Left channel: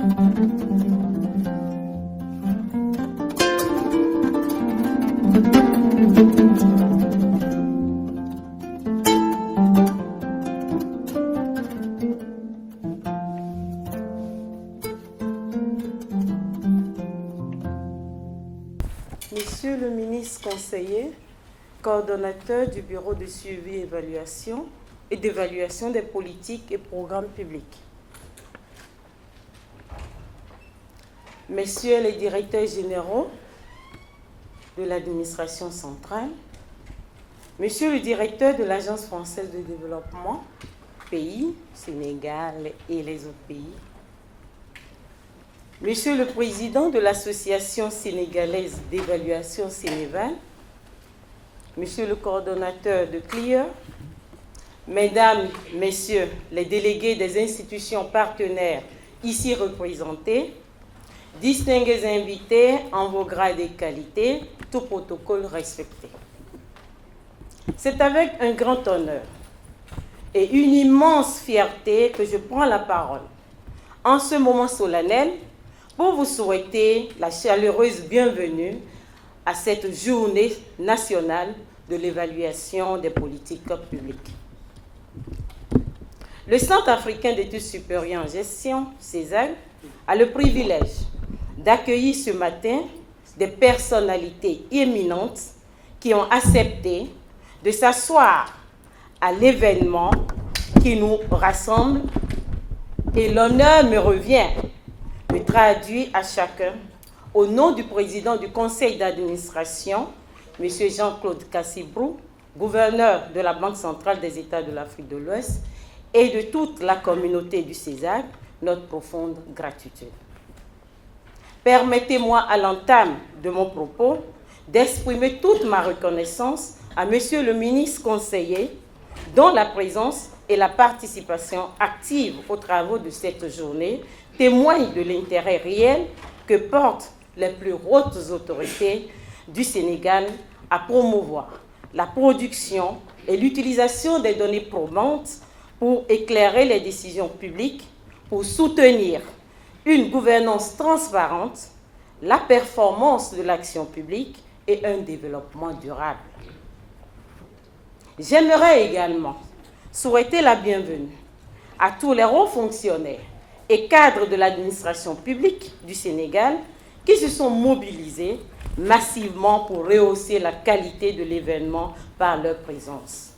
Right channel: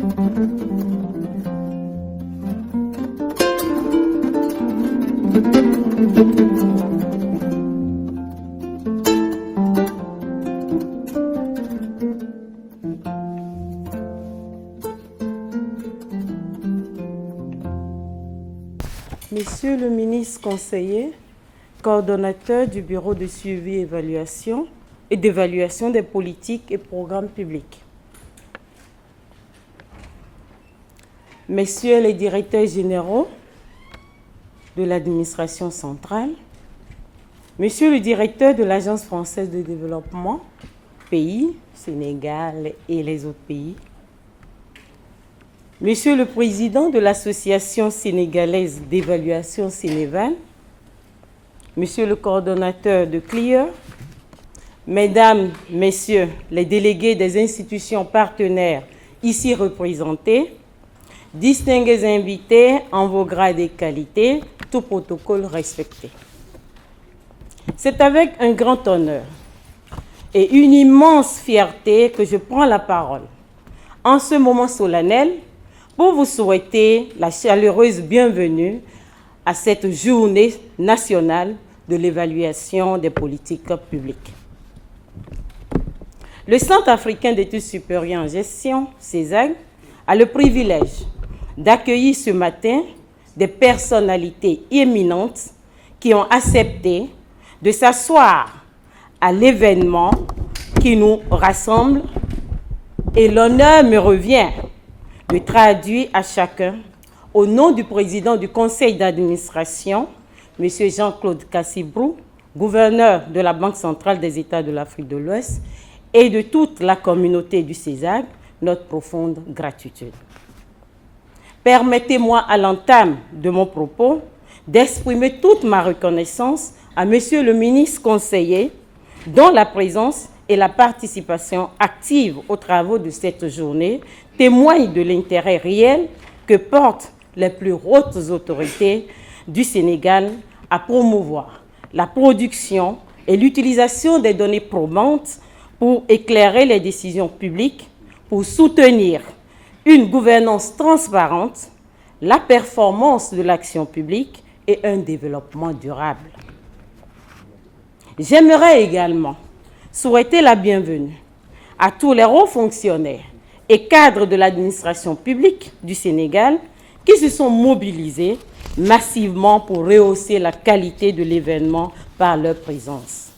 Monsieur le ministre conseiller, coordonnateur du Bureau de suivi et d'évaluation des politiques et programmes publics. Messieurs les directeurs généraux de l'administration centrale, Monsieur le directeur de l'Agence française de développement, pays, Sénégal et les autres pays, Monsieur le président de l'Association sénégalaise d'évaluation Sénéval, Monsieur le coordonnateur de CLIER, Mesdames, Messieurs les délégués des institutions partenaires ici représentés, distingués invités en vos grades et qualités, tout protocole respecté. C'est avec un grand honneur et une immense fierté que je prends la parole en ce moment solennel pour vous souhaiter la chaleureuse bienvenue à cette journée nationale de l'évaluation des politiques publiques. Le Centre africain d'études supérieures en gestion, CESAG, a le privilège d'accueillir ce matin des personnalités éminentes qui ont accepté de s'asseoir à l'événement qui nous rassemble et l'honneur me revient de traduire à chacun, au nom du président du conseil d'administration, M. Jean-Claude Cassibrou, gouverneur de la Banque centrale des États de l'Afrique de l'Ouest, et de toute la communauté du CESAG, notre profonde gratitude. Permettez-moi à l'entame de mon propos d'exprimer toute ma reconnaissance à Monsieur le ministre conseiller, dont la présence et la participation active aux travaux de cette journée témoignent de l'intérêt réel que portent les plus hautes autorités du Sénégal à promouvoir la production et l'utilisation des données probantes pour éclairer les décisions publiques, pour soutenir une gouvernance transparente, la performance de l'action publique et un développement durable. J'aimerais également souhaiter la bienvenue à tous les hauts fonctionnaires et cadres de l'administration publique du Sénégal qui se sont mobilisés massivement pour rehausser la qualité de l'événement par leur présence.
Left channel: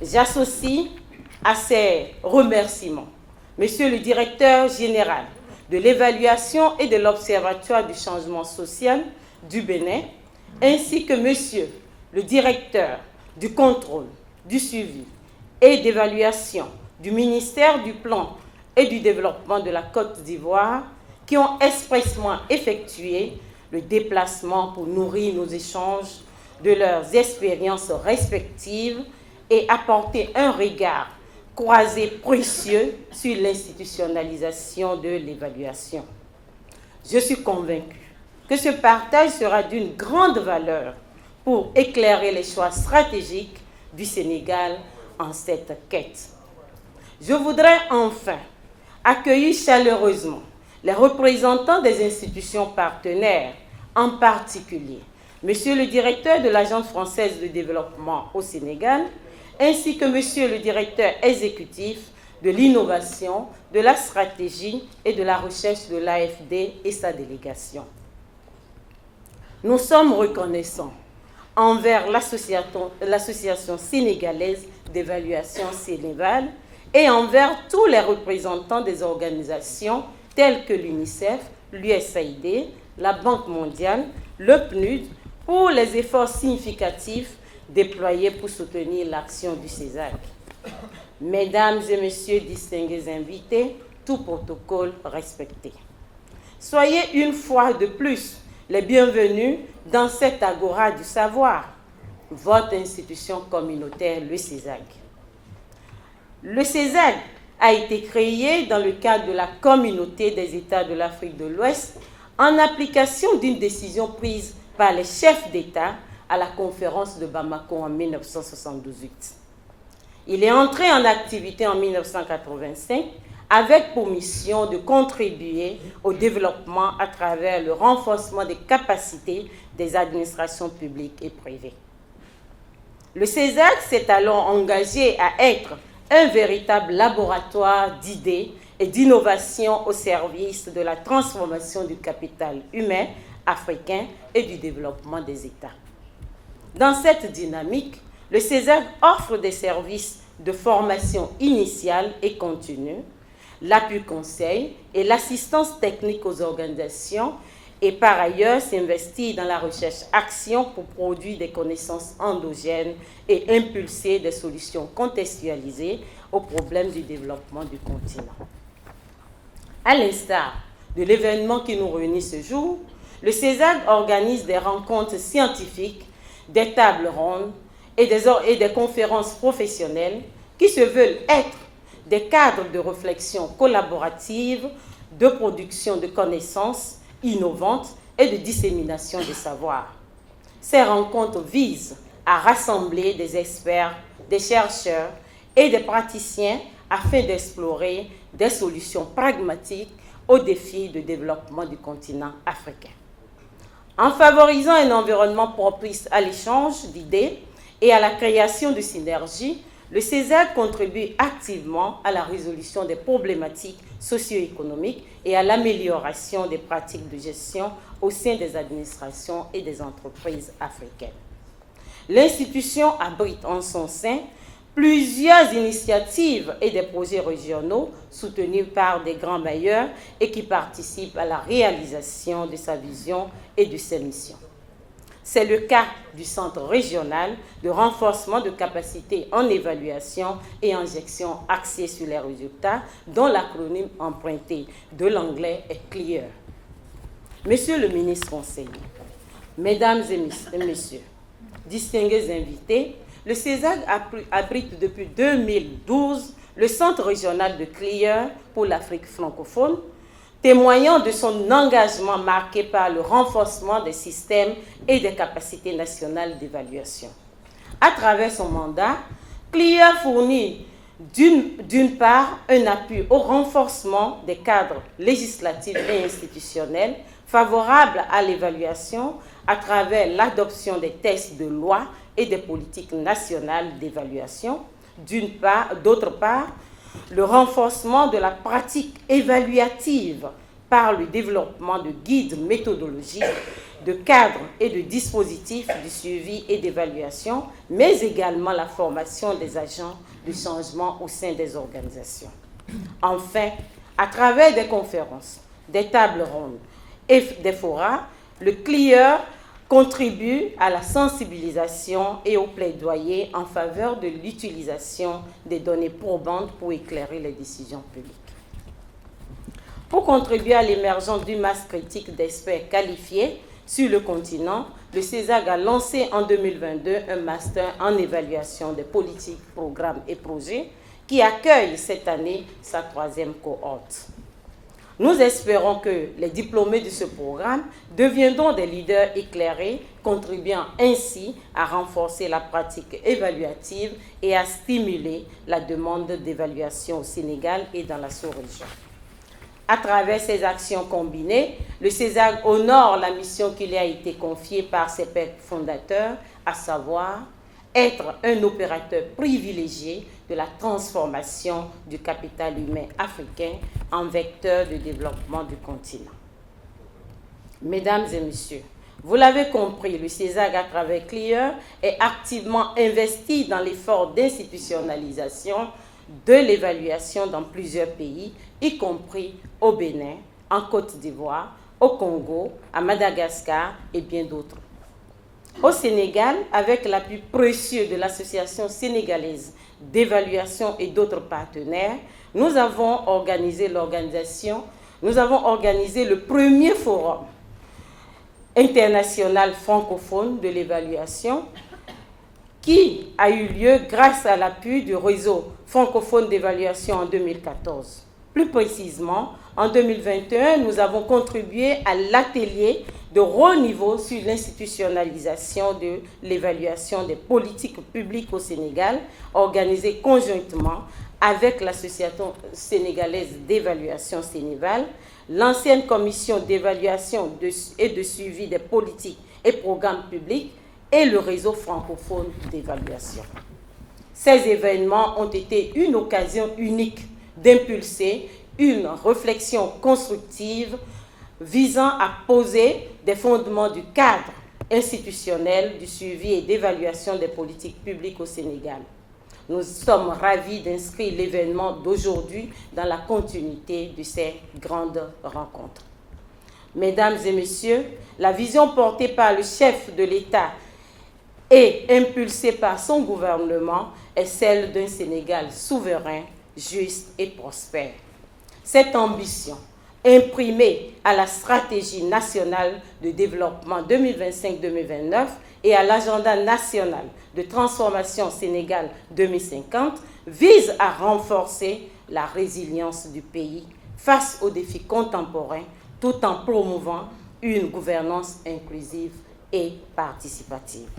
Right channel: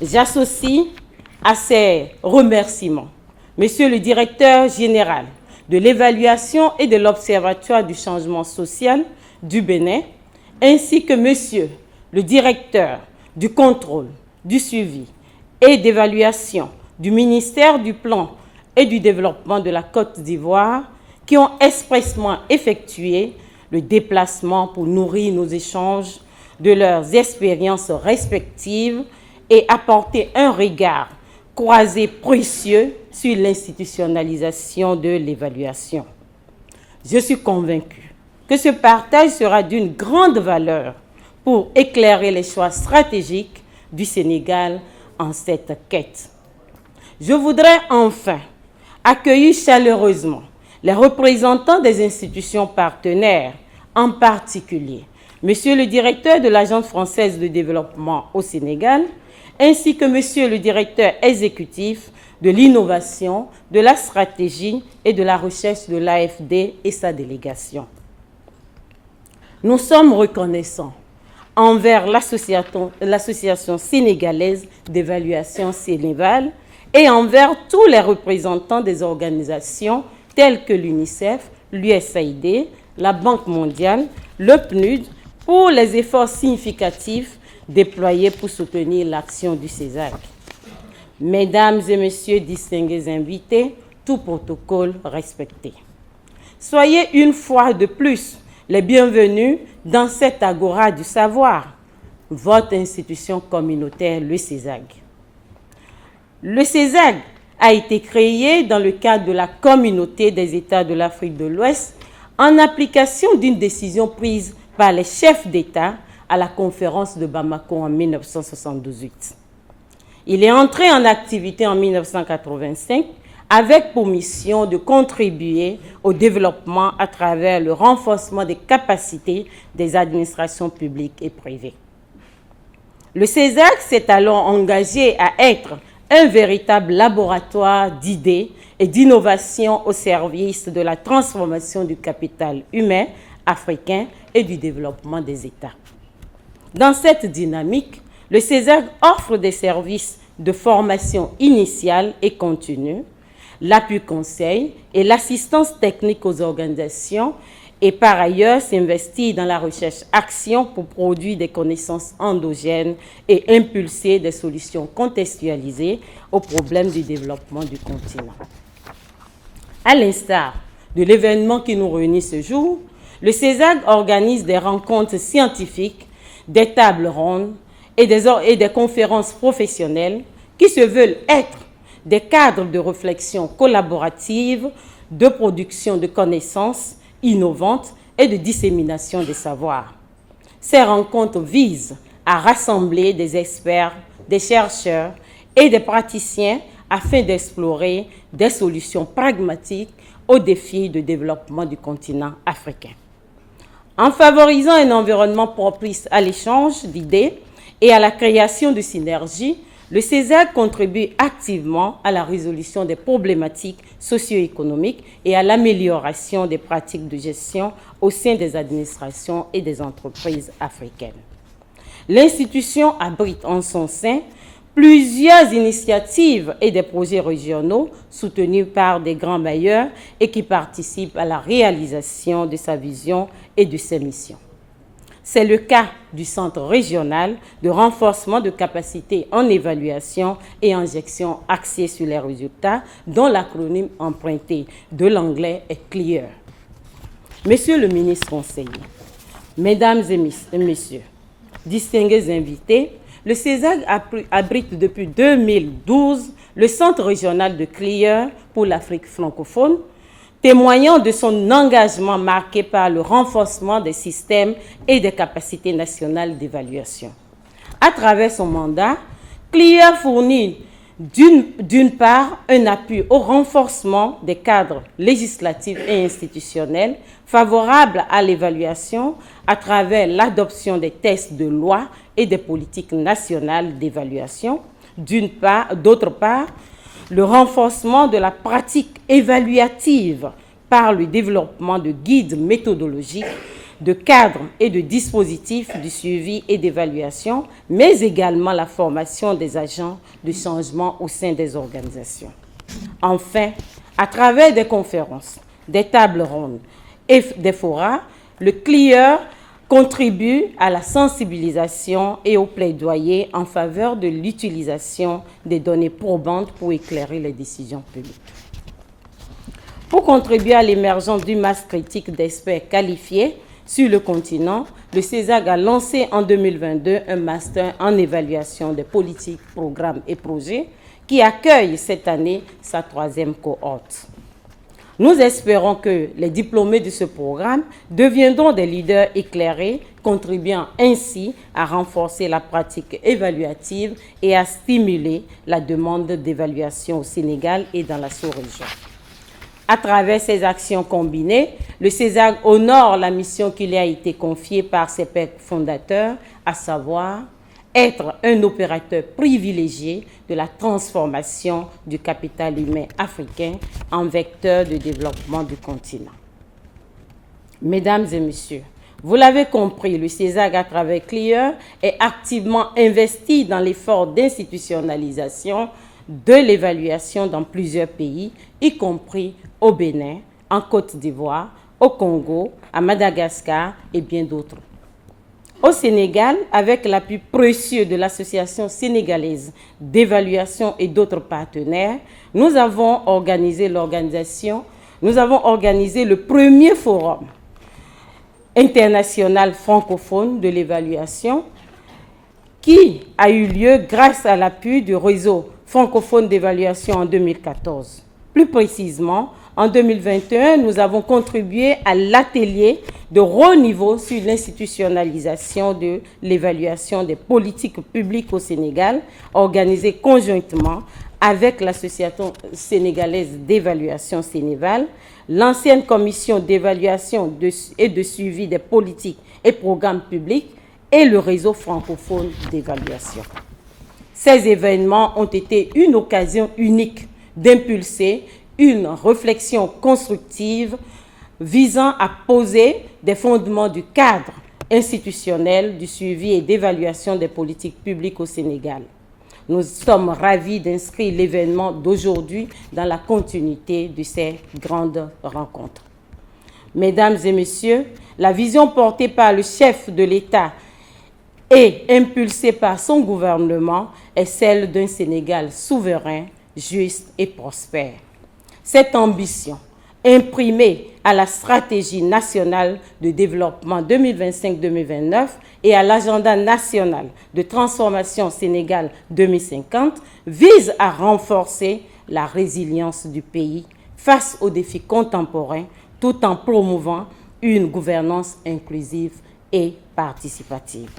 J'associe à ces remerciements Monsieur le directeur général de l'évaluation et de l'Observatoire du changement social du Bénin, ainsi que Monsieur le directeur du contrôle, du suivi et d'évaluation du ministère du Plan et du Développement de la Côte d'Ivoire, qui ont expressément effectué le déplacement pour nourrir nos échanges de leurs expériences respectives et apporter un regard croisé précieux sur l'institutionnalisation de l'évaluation. Je suis convaincue que ce partage sera d'une grande valeur pour éclairer les choix stratégiques du Sénégal en cette quête. Je voudrais enfin accueillir chaleureusement les représentants des institutions partenaires, en particulier Monsieur le directeur de l'Agence française de développement au Sénégal, ainsi que Monsieur le directeur exécutif de l'innovation, de la stratégie et de la recherche de l'AFD et sa délégation. Nous sommes reconnaissants envers l'association sénégalaise d'évaluation Sénéval et envers tous les représentants des organisations telles que l'UNICEF, l'USAID, la Banque mondiale, le PNUD, pour les efforts significatifs déployés pour soutenir l'action du CESAG. Mesdames et messieurs distingués invités, tout protocole respecté. Soyez une fois de plus les bienvenus dans cette agora du savoir, votre institution communautaire, le CESAG. Le CESAG a été créé dans le cadre de la communauté des États de l'Afrique de l'Ouest en application d'une décision prise par les chefs d'État à la conférence de Bamako en 1978. Il est entré en activité en 1985 avec pour mission de contribuer au développement à travers le renforcement des capacités des administrations publiques et privées. Le CESAC s'est alors engagé à être un véritable laboratoire d'idées et d'innovation au service de la transformation du capital humain africain et du développement des États. Dans cette dynamique, le CESAC offre des services de formation initiale et continue, l'appui conseil et l'assistance technique aux organisations et par ailleurs s'investit dans la recherche-action pour produire des connaissances endogènes et impulser des solutions contextualisées aux problèmes du développement du continent. À l'instar de l'événement qui nous réunit ce jour, le CESAC organise des rencontres scientifiques, des tables rondes et des conférences professionnelles qui se veulent être des cadres de réflexion collaborative, de production de connaissances innovantes et de dissémination des savoirs. Ces rencontres visent à rassembler des experts, des chercheurs et des praticiens afin d'explorer des solutions pragmatiques aux défis de développement du continent africain. En favorisant un environnement propice à l'échange d'idées et à la création de synergies, le CESAC contribue activement à la résolution des problématiques socio-économiques et à l'amélioration des pratiques de gestion au sein des administrations et des entreprises africaines. L'institution abrite en son sein plusieurs initiatives et des projets régionaux soutenus par des grands bailleurs et qui participent à la réalisation de sa vision et de ses missions. C'est le cas du Centre régional de renforcement de capacités en évaluation et en gestion axée sur les résultats, dont l'acronyme emprunté de l'anglais est CLEAR. Monsieur le ministre conseiller, Mesdames et Messieurs, distingués invités, le CESAC abrite depuis 2012 le Centre régional de CLEAR pour l'Afrique francophone, témoignant de son engagement marqué par le renforcement des systèmes et des capacités nationales d'évaluation. À travers son mandat, CLEAR fournit d'une part un appui au renforcement des cadres législatifs et institutionnels favorables à l'évaluation à travers l'adoption des textes de loi et des politiques nationales d'évaluation. D'autre part, le renforcement de la pratique évaluative par le développement de guides méthodologiques, de cadres et de dispositifs de suivi et d'évaluation, mais également la formation des agents de changement au sein des organisations. Enfin, à travers des conférences, des tables rondes et des forats, le CLEAR contribue à la sensibilisation et au plaidoyer en faveur de l'utilisation des données probantes pour éclairer les décisions publiques. Pour contribuer à l'émergence d'une masse critique d'experts qualifiés sur le continent, le CESAC a lancé en 2022 un master en évaluation des politiques, programmes et projets qui accueille cette année sa 3e cohorte. Nous espérons que les diplômés de ce programme deviendront des leaders éclairés, contribuant ainsi à renforcer la pratique évaluative et à stimuler la demande d'évaluation au Sénégal et dans la sous-région. À travers ces actions combinées, le CESAC honore la mission qui lui a été confiée par ses pères fondateurs, à savoir être un opérateur privilégié de la transformation du capital humain africain en vecteur de développement du continent. Mesdames et messieurs, vous l'avez compris, le CESAC, à travers CLEAR, est activement investi dans l'effort d'institutionnalisation de l'évaluation dans plusieurs pays, y compris au Bénin, en Côte d'Ivoire, au Congo, à Madagascar et bien d'autres. Au Sénégal, avec l'appui précieux de l'Association sénégalaise d'évaluation et d'autres partenaires, nous avons organisé le premier forum international francophone de l'évaluation qui a eu lieu grâce à l'appui du réseau francophone d'évaluation en 2014. Plus précisément, en 2021, nous avons contribué à l'atelier de haut niveau sur l'institutionnalisation de l'évaluation des politiques publiques au Sénégal, organisé conjointement avec l'Association sénégalaise d'évaluation Sénéval, l'ancienne commission d'évaluation et de suivi des politiques et programmes publics et le réseau francophone d'évaluation. Ces événements ont été une occasion unique d'impulser une réflexion constructive visant à poser des fondements du cadre institutionnel du suivi et d'évaluation des politiques publiques au Sénégal. Nous sommes ravis d'inscrire l'événement d'aujourd'hui dans la continuité de ces grandes rencontres. Mesdames et messieurs, la vision portée par le chef de l'État et impulsée par son gouvernement est celle d'un Sénégal souverain, juste et prospère. Cette ambition, imprimée à la stratégie nationale de développement 2025-2029 et à l'agenda national de transformation Sénégal 2050, vise à renforcer la résilience du pays face aux défis contemporains tout en promouvant une gouvernance inclusive et participative.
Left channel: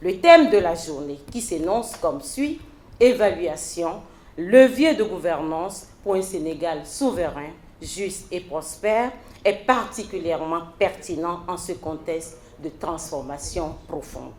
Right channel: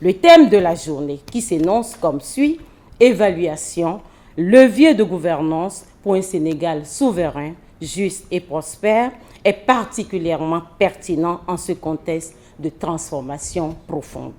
Le thème de la journée, qui s'énonce comme suit: évaluation, levier de gouvernance pour un Sénégal souverain, juste et prospère, est particulièrement pertinent en ce contexte de transformation profonde.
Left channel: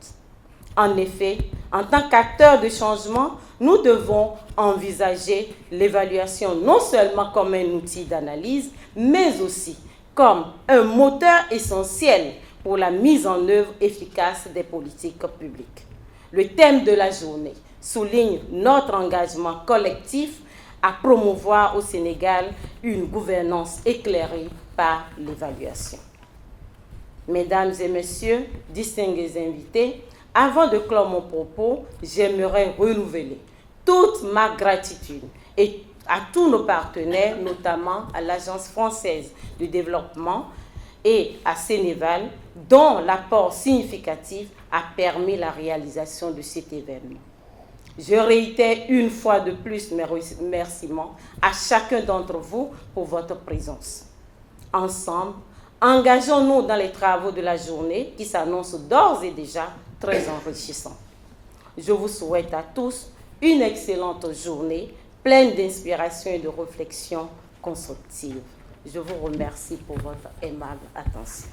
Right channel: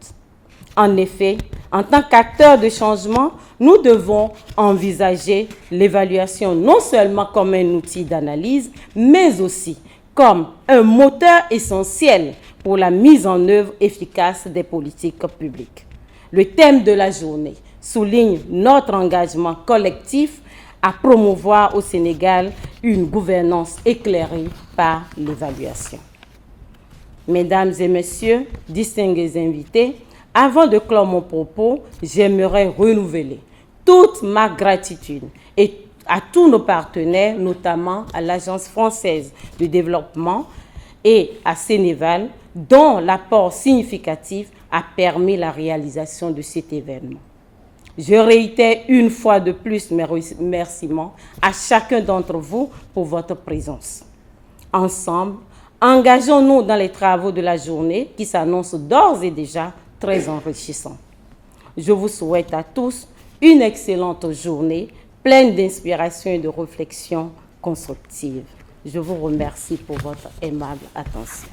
En effet, en tant qu'acteurs de changement, nous devons envisager l'évaluation non seulement comme un outil d'analyse, mais aussi comme un moteur essentiel pour la mise en œuvre efficace des politiques publiques. Le thème de la journée souligne notre engagement collectif à promouvoir au Sénégal une gouvernance éclairée par l'évaluation. Mesdames et messieurs, distingués invités, avant de clore mon propos, j'aimerais renouveler toute ma gratitude à tous nos partenaires, notamment à l'Agence française de développement et à Sénéval, dont l'apport significatif a permis la réalisation de cet événement. Je réitère une fois de plus mes remerciements à chacun d'entre vous pour votre présence. Ensemble, engageons-nous dans les travaux de la journée qui s'annoncent d'ores et déjà très enrichissants. Je vous souhaite à tous une excellente journée, pleine d'inspiration et de réflexion constructive. Je vous remercie pour votre aimable attention.